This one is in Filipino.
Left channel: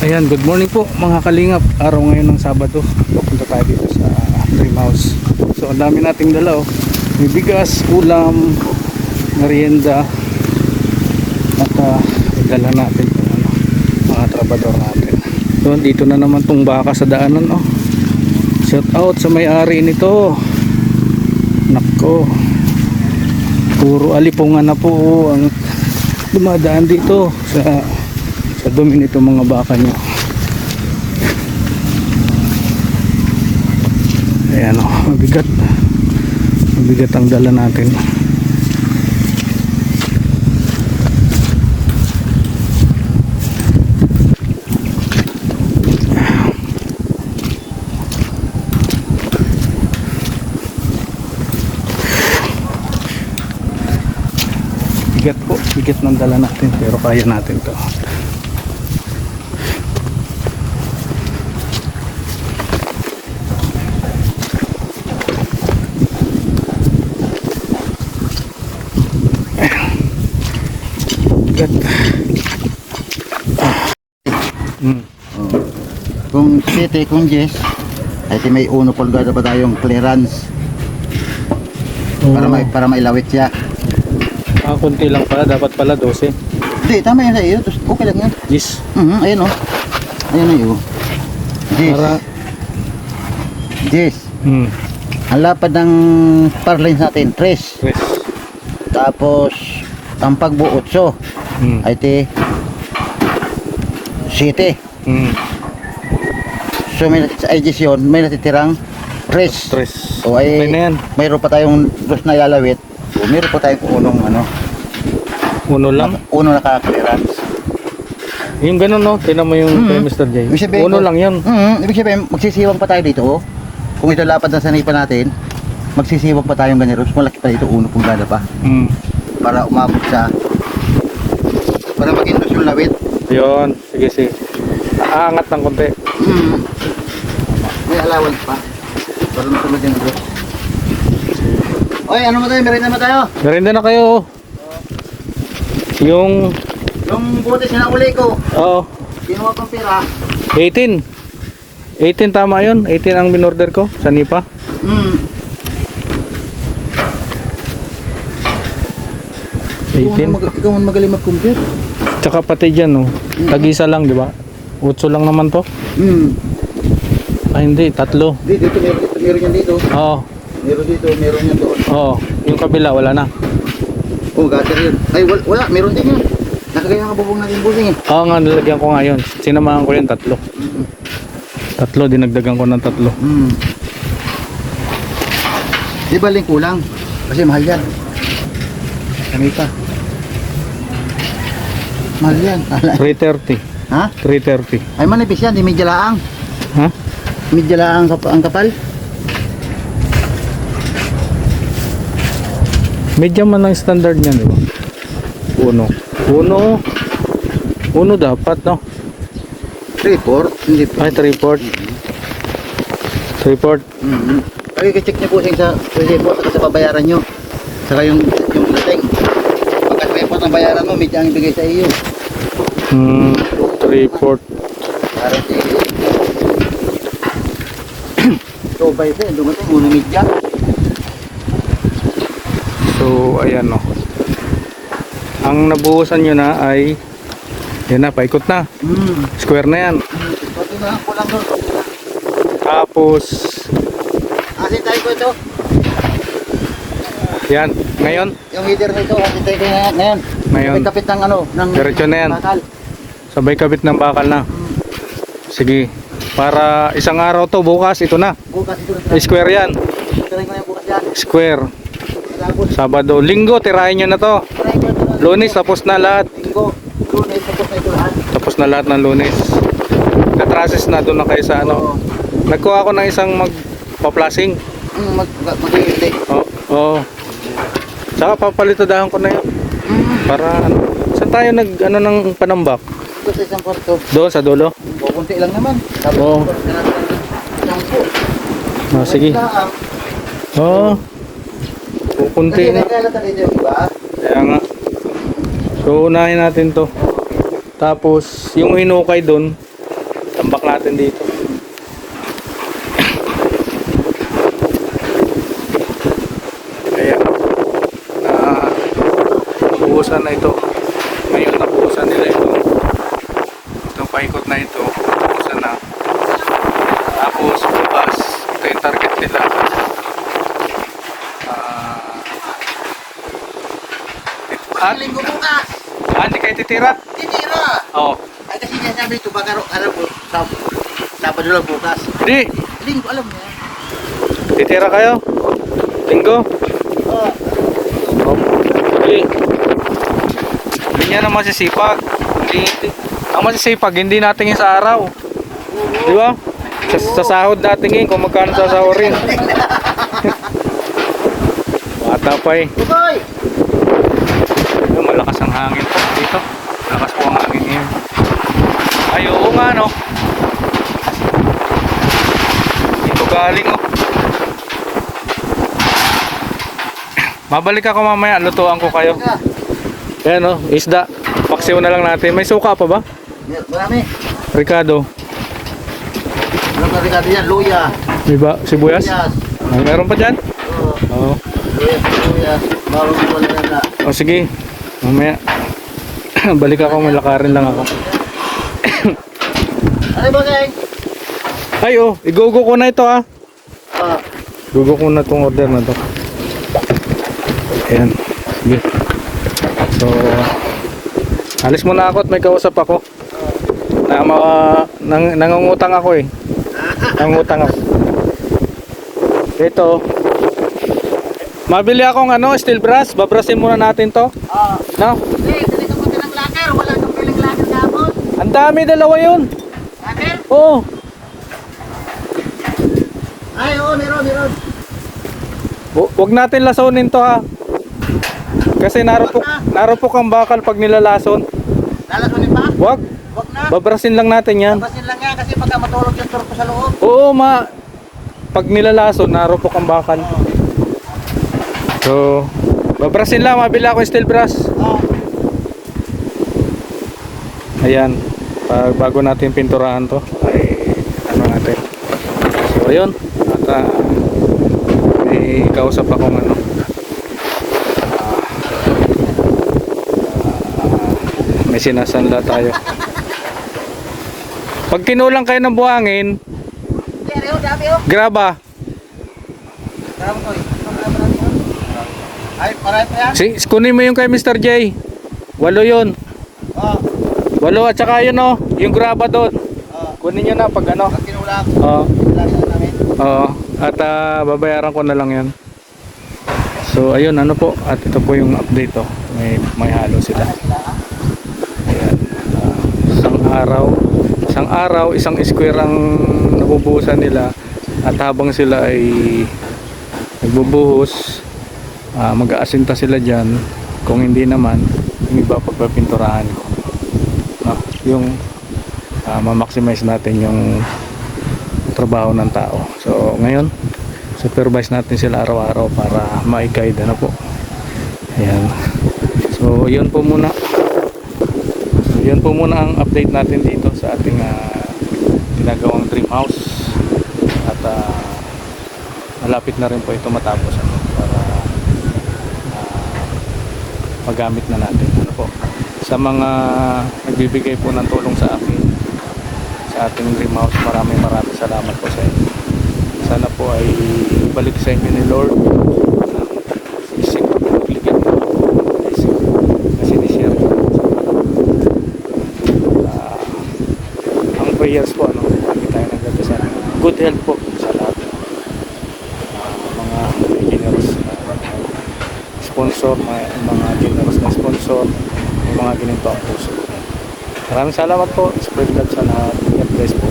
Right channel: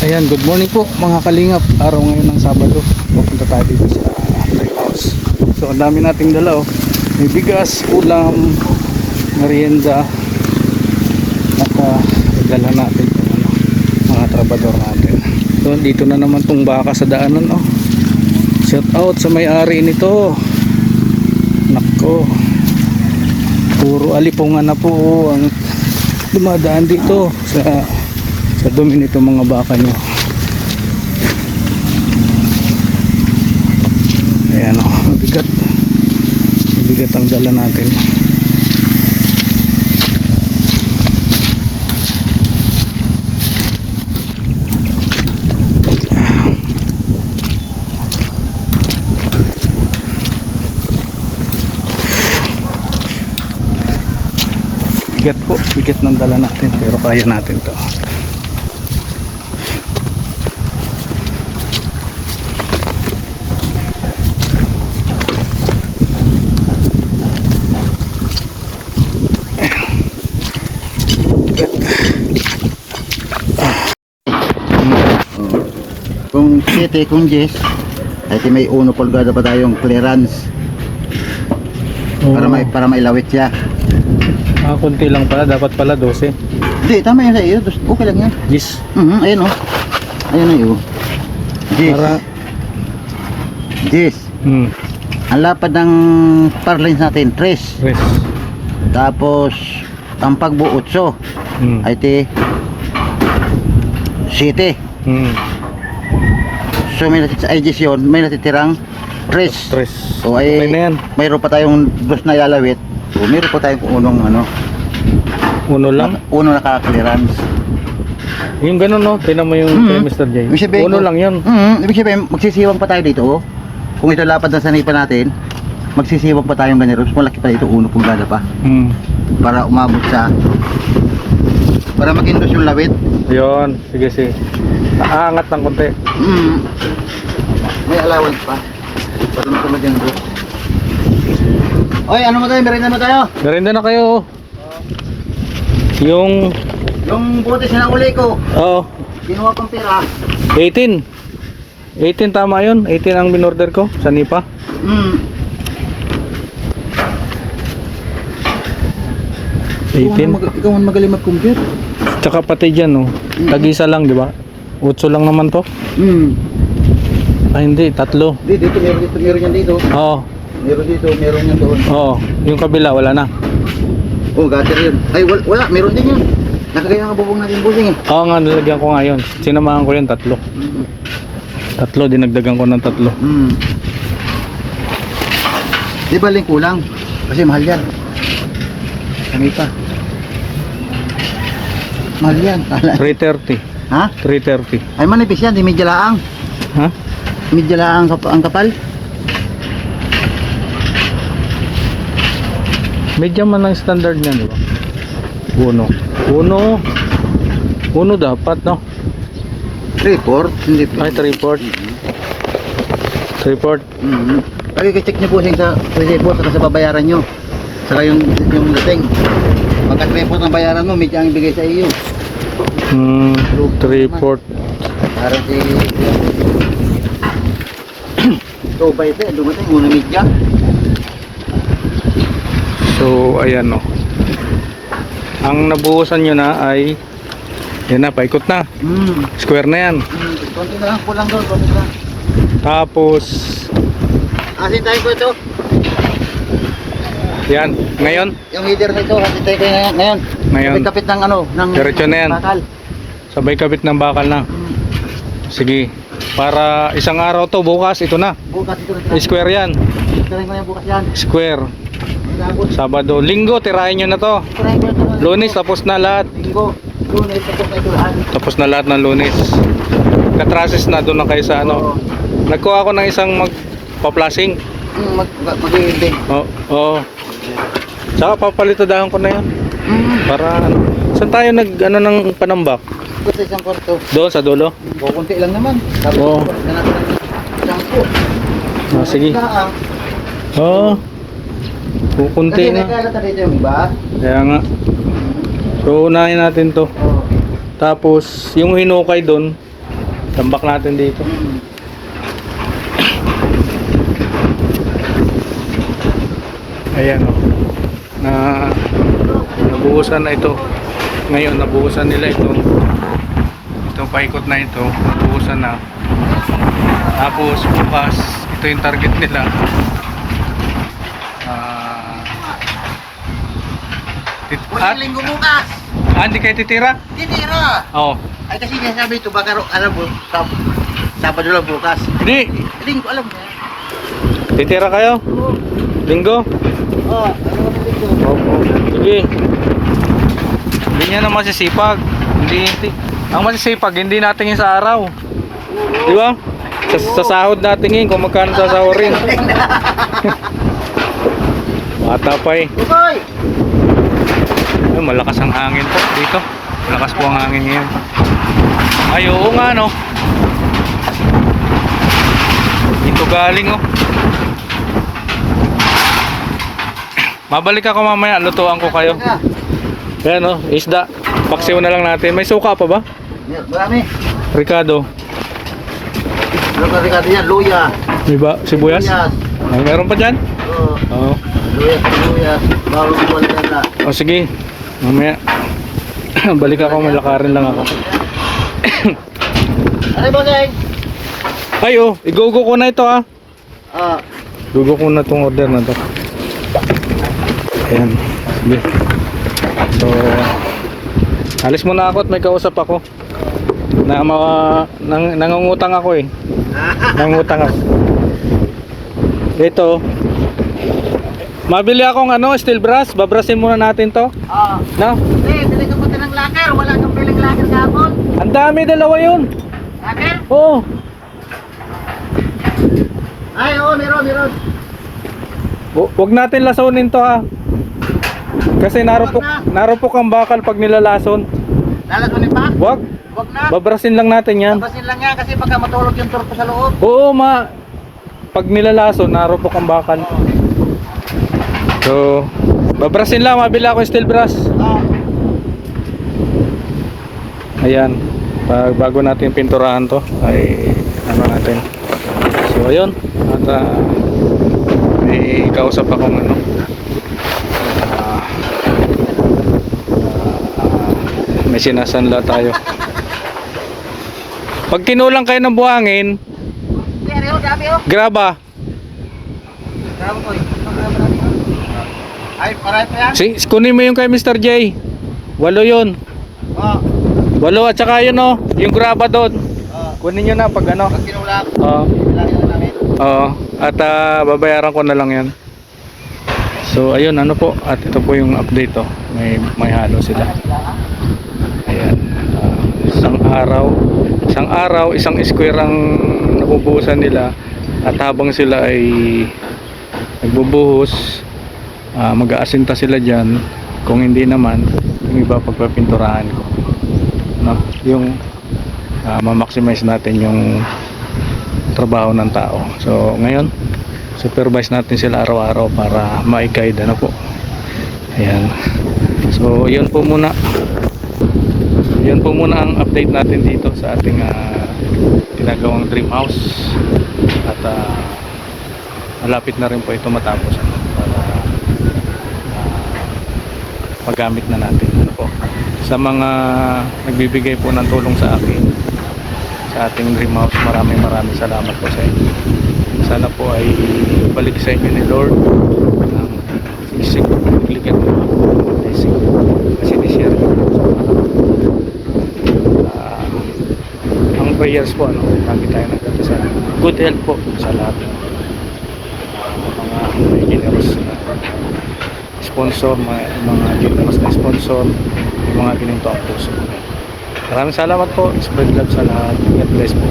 Ayan, good morning po mga kalingap. Araw ngayon ng Sabado. Pupunta tayo dito sa dream house. So, ang dami nating dala oh. May bigas, ulam, merienda. At dala natin po, mga trabador natin. So, dito na naman tong baka sa daanan oh. Shout out sa may-ari nito. Nako. Puro alipungan na po ang dumadaan dito sa dumi nito mga baka nyo. Ayan o, mabigat ang dala natin. Bigat ng dala natin, pero kaya natin to. Kung 7, kung 10 ay may 1 pulgada pa tayong clearance para mailawit siya. Kunti lang pala, dapat pala 12. Hindi, tama yan sa'yo, okay lang yan. Yes. Ayun o, ayun na yun. 10 Para 10 ang lapad ng parlins natin 3. Tapos ang pagbuo 8 ay 7. So may addition, may natitirang 3. O ay okay na yan. mayroon pa tayong dos na ilalawit. O mayroon pa tayong unong Uno lang? uno naka-clearance. Yung ganun no, tinan mo yung kay Mr. J. Uno lang yun. Ibig sabihin, magsisiwang pa tayo dito. Kung ito lapad na sanipa natin, magsisiwang pa tayong ganyan. Malaki pa dito, 1 pulgada pa. Para umabot sa, para makintos yung lawit. Yun, sige. Aangat ng konti. May allowance pa. Para masunod yung bro. Oy, ano mo tayo? Merienda mo tayo? Merienda na kayo. Yung butis na uli ko, kinuha kong pera. 18 tama yun. 18 ang binorder ko sa Nipa. 18. Ikaw ang magaling mag-compute. Tsaka pati dyan tag-isa lang di ba? 8 lang naman to. Ay hindi, 3. Dito meron yan dito. Oo. Meron dito, meron yan doon. Oo, yung kabila wala na. Gutter yun. Ay, wala, meron din yun. Nakagaya nga bubong natin busing eh. Oo nga, nilagyan ko nga yun. Sinamahan ko yun, 3. 3, dinagdagan ko ng 3. Di ba ling kulang? Kasi mahal yan. Kami pa. Mahal yan. 330. Ha? 330. Ay manipis yan, di medya laang. Ha? Medya laang ang kapal. Medyo man ang standard niya, di ba? Uno dapat, no? 3/4. Hindi. Ay, 3/4. 3/4. Ay, i-check nyo po sa 3/4 saka sa babayaran nyo. Saka yung dating. Pagka 3/4 ang bayaran mo, medyo ang ibigay sa iyo. 3/4. Para si... So, by the dumating muna medya. So, ayan no. Ang nabuhusan nyo na ay yan na, paikot na. Square na yan. Konti na lang po lang doon. Tapos Asin tayo po ito. yan, ngayon Yung header nito, asin tayo po ngayon. May kapit ng ng diretso na yan. bakal. Sabay kabit ng bakal na. Sige. Para isang araw to, bukas ito na. Bukas ito na. Square yan. Tirahin ko na bukas yan. Square. Tapos, Sabado, Linggo, tirahin nyo na to. tirahin ko na ito. Lunes, tapos na lahat. Linggo. Lunes, tapos na ito lahat. Tapos na lahat ng Lunes. Katrasis na doon na kayo sa ano. Nagkuha ako ng isang magpa-flashing. Mag-iindi. Oo. Saka papalitadahan ko na yan. Para saan tayo ng panambak? Kasi isang kwarto. Doon sa dulo? Kunti lang naman. Oo. Sige. Oo. Kukunti na. Kaya nga. So unahin natin to. Tapos yung hinukay doon, Tambak natin dito. Ayan. Nabuhusan na ito. Ngayon nabuhusan nila ito. Itong paikot na ito. Nabuhusan na. Tapos bukas, ito yung target nila. Linggo bukas. Hindi kayo titira? Tinira. Oo. Ay kasi sinasabi ito baka alam mo Sabado lang bukas. Di. Linggo alam mo. Titira kayo? Linggo? Oo, ano ko dito? Sige. Hindi niya na masisipag. Hindi. Ang masisipag, hindi natin yung sa araw. Di ba? Sa sahod natin yun, kung magkano sasahurin. Bata pa eh. Okay. Ay, malakas ang hangin po dito. Malakas po ang hangin ngayon. Ay, oo nga no. Dito galing oh. Mabalik ako mamaya, lutuan ko kayo. Ayan oh, isda. Paksiw na lang natin. May suka pa ba? Marami. Ricardo. Marami yan, luya. Diba? Sibuyas? Ay, meron pa dyan? Oo. Oo. Luya. Bago ko wala na. O sige, mamaya. Balik ako, malakarin lang ako. Ano ba gang? Ay oh, igugo ko na ito ah. Igugo ko na itong order na to. Ayan. Sige. So, alis muna ako at may kausap ako. Nangungutang ako eh. Nangungutang ako. Ito. Mabili akong steel brass. Babrasin muna natin to. No? Bili ka punta ng laker. Wala kang piling laker gapon. Ang dami, dalawa yun. Laker? Oo. Ay, oo, meron. Huwag natin lasonin to ha. Kasi narupok ang bakal pag nilalason. Lalas mo ni pa? Huwag. Wag na. Babrasin lang natin yan. Basin lang yan kasi pagka matulog yung turpo sa loob. Oo pag nilalason, narupok ang bakal. So, babrasin lang. Mabili ako yung steel brass. Ayan. Bago natin pinturahan to, ay ano natin. So, ayun. At may kausap akong may sinasanla tayo. Pag kinulang kayo ng buhangin, graba. Ay, paray pa yan? Kunin mo yung kay Mr. J. 8 yun. 8 at saka yun yung graba doon. Kunin nyo na pag Pag kinulang. Oo. Oo. At babayaran ko na lang yan. So ayun po. At ito po yung update May halo sila. Ayan. Isang araw, isang square ang nabubuhusan nila. At habang sila ay nagbubuhos, mag-aasinta sila dyan. Kung hindi naman, yung iba pagpapinturahan ko. No? Yung ma-maximize natin yung trabaho ng tao. So ngayon, supervise natin sila araw-araw para ma-guide po. Ayan. So yun po muna. Yun po muna ang update natin dito sa ating ginagawang dream house. At malapit na rin po ito matapos para magamit na natin. Sa mga nagbibigay po ng tulong sa akin sa ating dream house, maraming salamat po sa inyo. Sana po ay balik sa inyo ni Lord ng isip, bigyan mo ako ng blessing kasi ni-share nyo ang prayers po lagi tayo nagdadasal, good health po sa lahat mga may generous na sponsor, mga generous na sponsor, may mga gininto ang puso. Maraming salamat po, spread love sa lahat, God bless po.